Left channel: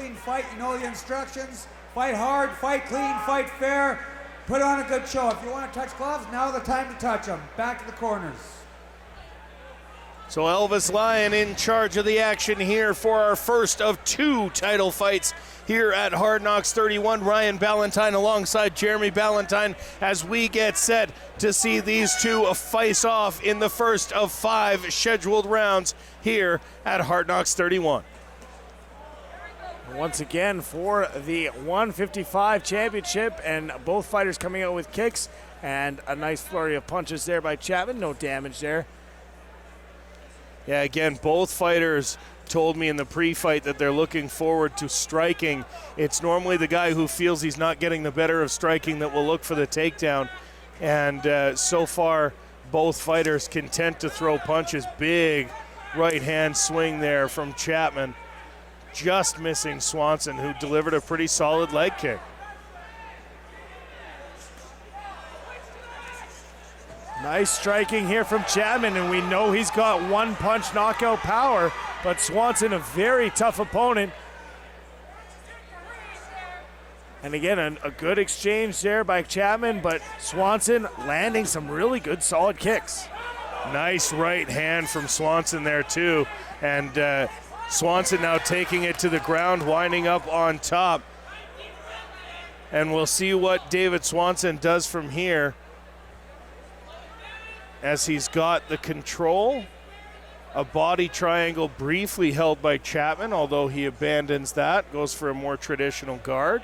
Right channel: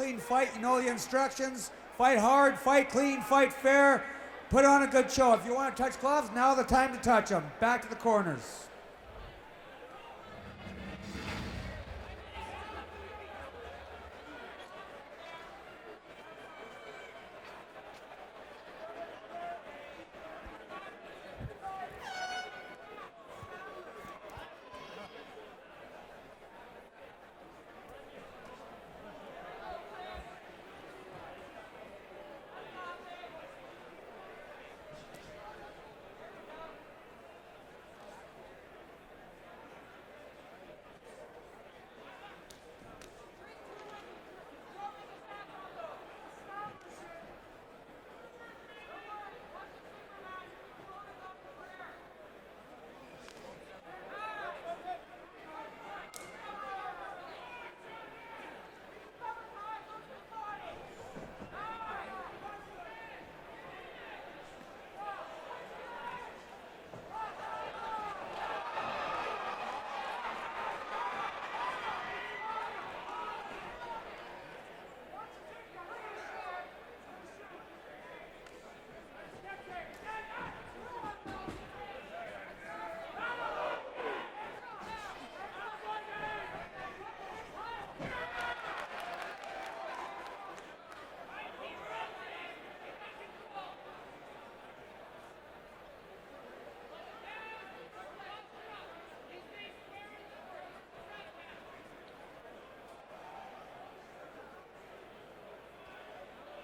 clean fight. You know the instructions. Fight hard, fight clean, fight fair. Put on a good show. If you want to touch gloves, now's the time to touch them. Back to the corners. So Elvis Lyon in charge of the action here for our first of 2 title fights here at Hard Knocks 31. Ryan Ballantyne alongside Jeremy Ballantyne as we get set to see these two face off in the first of 5 scheduled rounds here at Hard Knocks 31. Once again for the 155 championship, and both fighters coming out with kicks and a nice flurry of punches there by Chapman. No damage there. Yeah, again, both fighters told me in the pre-fight that they're looking forward to striking. It's normally the guy who feels he's not getting the better of striking that will look for the takedown. And so far, both fighters content to throw punches. Big right-hand swing there from Chapman. Just missing Swanson, who delivered a pretty solid leg kick. Nice striking here from Chapman, and we know he's got one-punch knockout power, but Swanson a very tough opponent. And again, a good exchange there by Chapman, but Swanson landing some really good solid kicks. Nice right hand from Swanson there too, and Swanson now taking it to the ground, winding up on top. And we'll see what David Swanson does from here, as he's got the control. A body triangle briefly held by Chapman, although he abandons that, goes for a more traditional guard.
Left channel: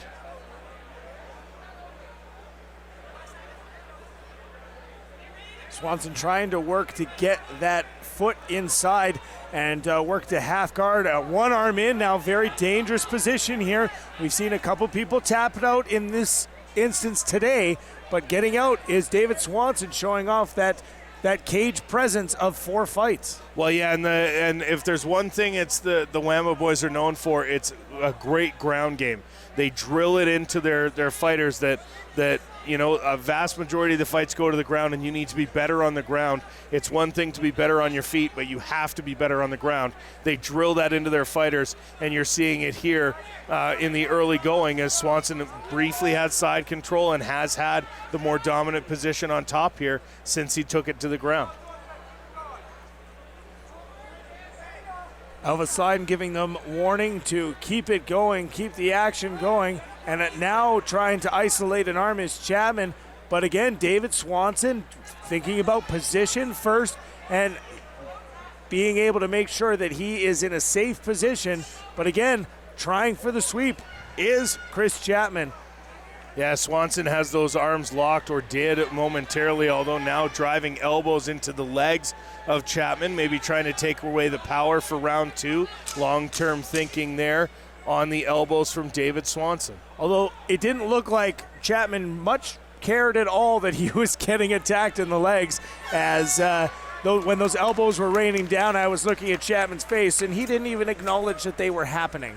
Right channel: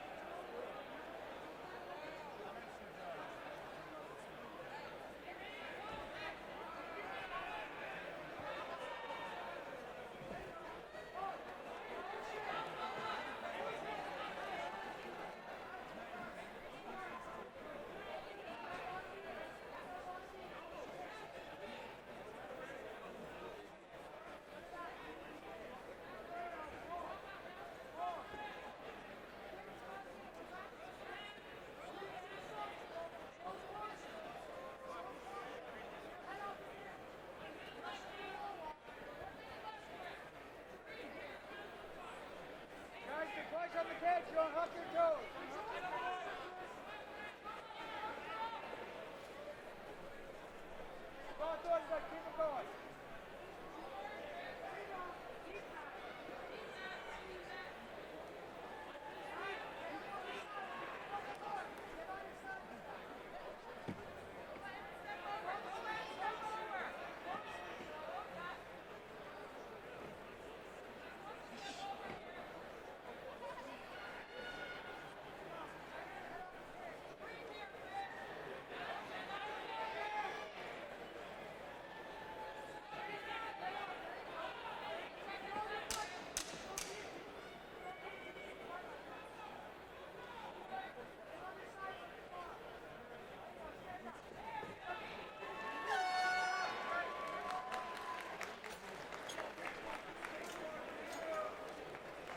Swanson trying to work to get that foot inside and work to half guard. One arm in, now very dangerous position here. We've seen a couple people tap it out in this instance today, but getting out is David Swanson, showing off that cage presence of 4 fights. Well, yeah, and if there's one thing it's the Whammo boys are known for, it's a great ground game. They drill it into their fighters that you know, a vast majority of the fights go to the ground, and you need to be better on the ground. It's one thing to be better on your feet, but you have to be better on the ground. They drill that into their fighters, and you're seeing it here in the early going, as Swanson briefly had side control and has had the more dominant position on top here since he took it to the ground. Elvis Lyon giving them warning to keep it going, keep the action going, and now trying to isolate an arm is Chapman. But again, David Swanson thinking about position first and being able to make sure that he is in a safe position. But again, trying for the sweep is Chris Chapman. Yeah, Swanson has those arms locked, or did momentarily, although now driving elbows into the legs of Chapman, maybe trying to take away the power for round 2. Long-term thinking there on the elbows from David Swanson. Although it didn't look like Chapman much cared at all that he was getting attacked in the legs, as when those elbows were raining down, I was looking at Chapman's face, and he didn't even acknowledge that they were happening.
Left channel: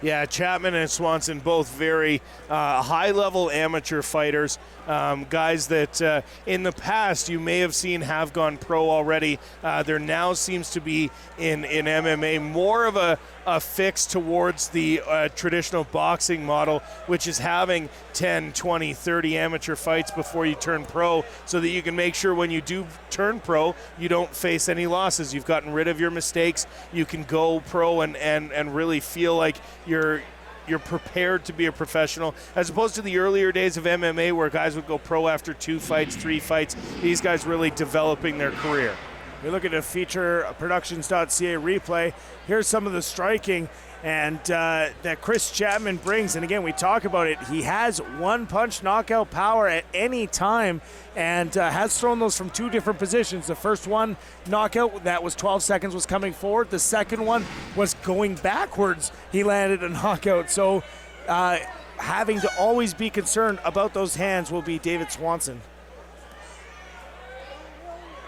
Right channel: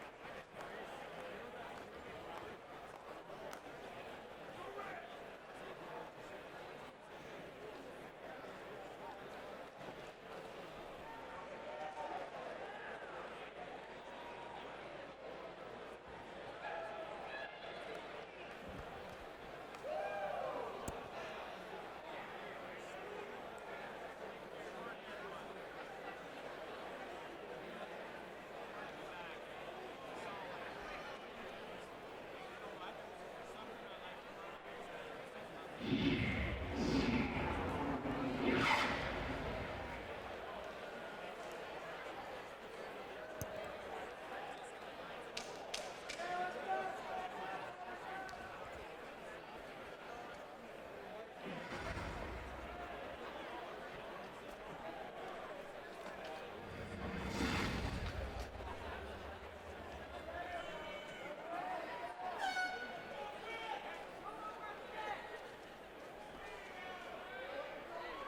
Yeah, Chapman and Swanson both very high-level amateur fighters, guys that in the past you may have seen have gone pro already. There now seems to be in MMA more of a fix towards the traditional boxing model, which is having 10, 20, 30 amateur fights before you turn pro, so that you can make sure when you do turn pro, you don't face any losses. You've gotten rid of your mistakes. You can go pro and really feel like you're prepared to be a professional, as opposed to the earlier days of MMA where guys would go pro after 2 fights, 3 fights. These guys really developing their career. We look at a feature productions.ca replay. Here's some of the striking and that Chris Chapman brings. And again, we talk about it. He has one-punch knockout power at any time, and has thrown those from 2 different positions. The first one, knockout, that was 12 seconds, was coming forward. The second one was going backwards. He landed a knockout. So having to always be concerned about those hands will be David Swanson.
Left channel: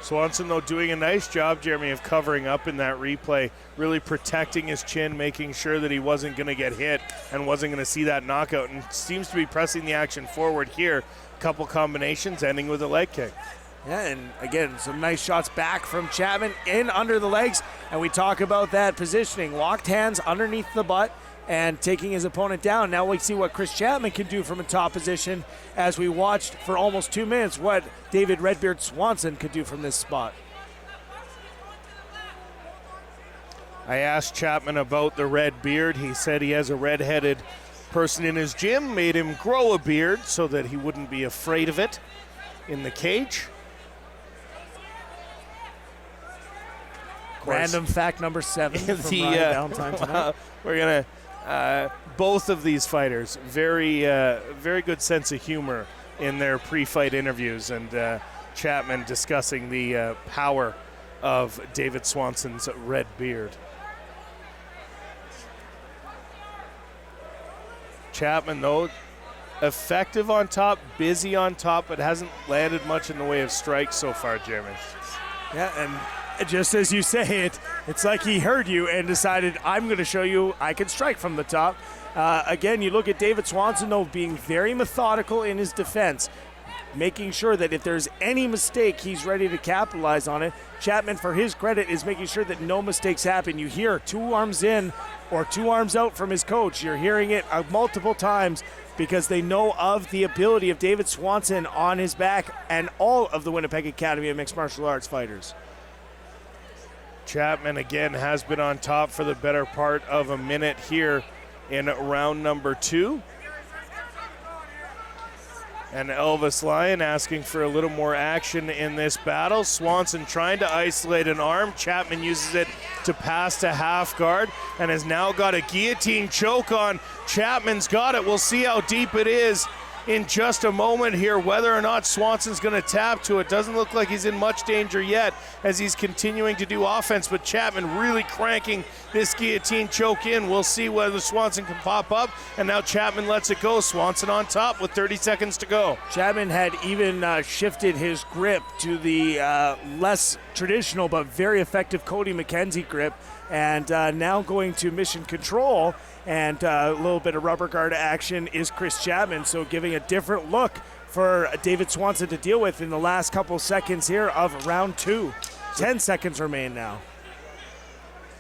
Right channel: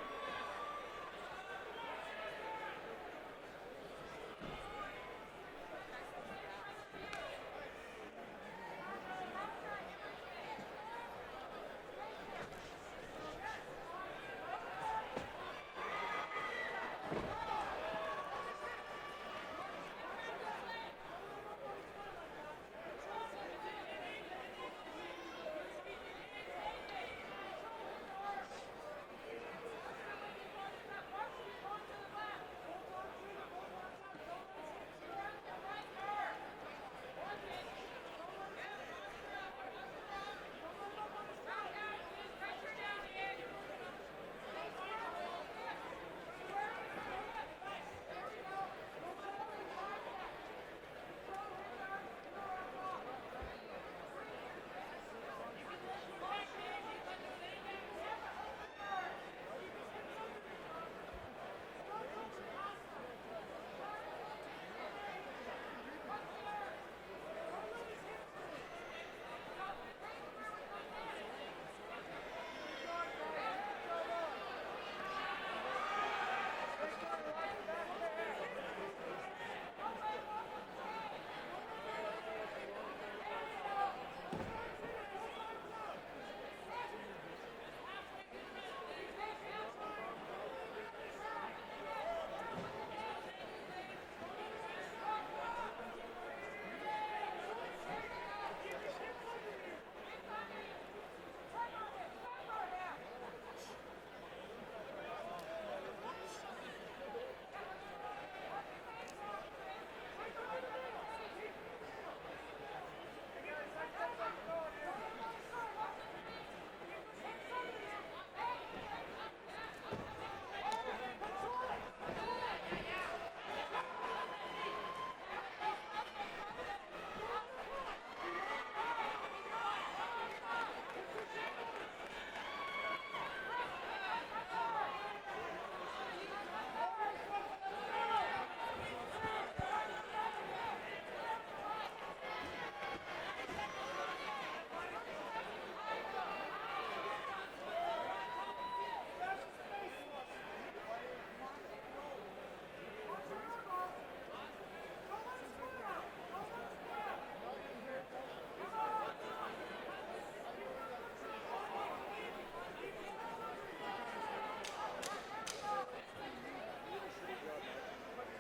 Swanson, though, doing a nice job, Jeremy, of covering up in that replay, really protecting his chin, making sure that he wasn't going to get hit and wasn't going to see that knockout, and seems to be pressing the action forward here. Couple combinations ending with a leg kick. Yeah, and again, some nice shots back from Chapman in under the legs, and we talk about that positioning. Locked hands underneath the butt, and taking his opponent down. Now we see what Chris Chapman can do from a top position, as we watched for almost 2 minutes what David Redbeard Swanson could do from this spot. I asked Chapman about the red beard. He said he has a red-headed person in his gym, made him grow a beard so that he wouldn't be afraid of it in the cage. Random fact number 7 from Ryan Valentine tonight. We're gonna both of these fighters very good sense of humor in their pre-fight interviews, and Chapman discussing the power of David Swanson's red beard. Chapman, though, effective on top, busy on top, but hasn't landed much in the way of strikes so far, Jeremy. Yeah, and just as you say it, it's like he heard you and decided, I'm going to show you I can strike from the top. Again, you look at David Swanson, though, being very methodical in his defense, making sure that if there's any mistake, he's ready to capitalize on it. Chapman, for his credit, is making sure that no mistakes happen. You hear 2 arms in or 2 arms out from his coach. You're hearing it multiple times because they know of the ability of David Swanson on his back and all of the Winnipeg Academy of Mixed Martial Arts fighters. Chapman, again, has been on top for the better part of a minute here in round number 2. And Elvis Lyon asking for a little more action in this battle. Swanson trying to isolate an arm. Chapman uses it to pass to half guard and has now got a guillotine choke on. Chapman's got it. We'll see how deep it is in just a moment here. Whether or not Swanson's going to tap to it, doesn't look like he's in much danger yet as he's continuing to do offense, but Chapman really cranking this guillotine choke in. We'll see whether Swanson can pop up, and now Chapman lets it go. Swanson on top with 30 seconds to go. Chapman had even shifted his grip to the less traditional but very effective Cody McKenzie grip, and now going to mission control, and a little bit of rubber guard action is Chris Chapman, so giving a different look for David Swanson to deal with in the last couple seconds here of round 2. 10 seconds remain now.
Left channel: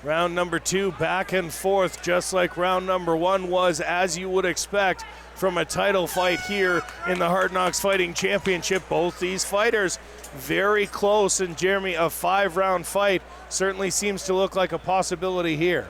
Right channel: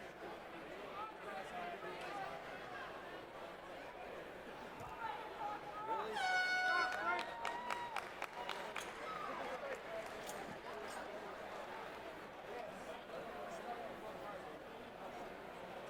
Round number 2, back and forth, just like round number 1 was, as you would expect from a title fight here in the Hard Knocks Fighting Championship. Both these fighters very close, and Jeremy, a 5-round fight certainly seems to look like a possibility here.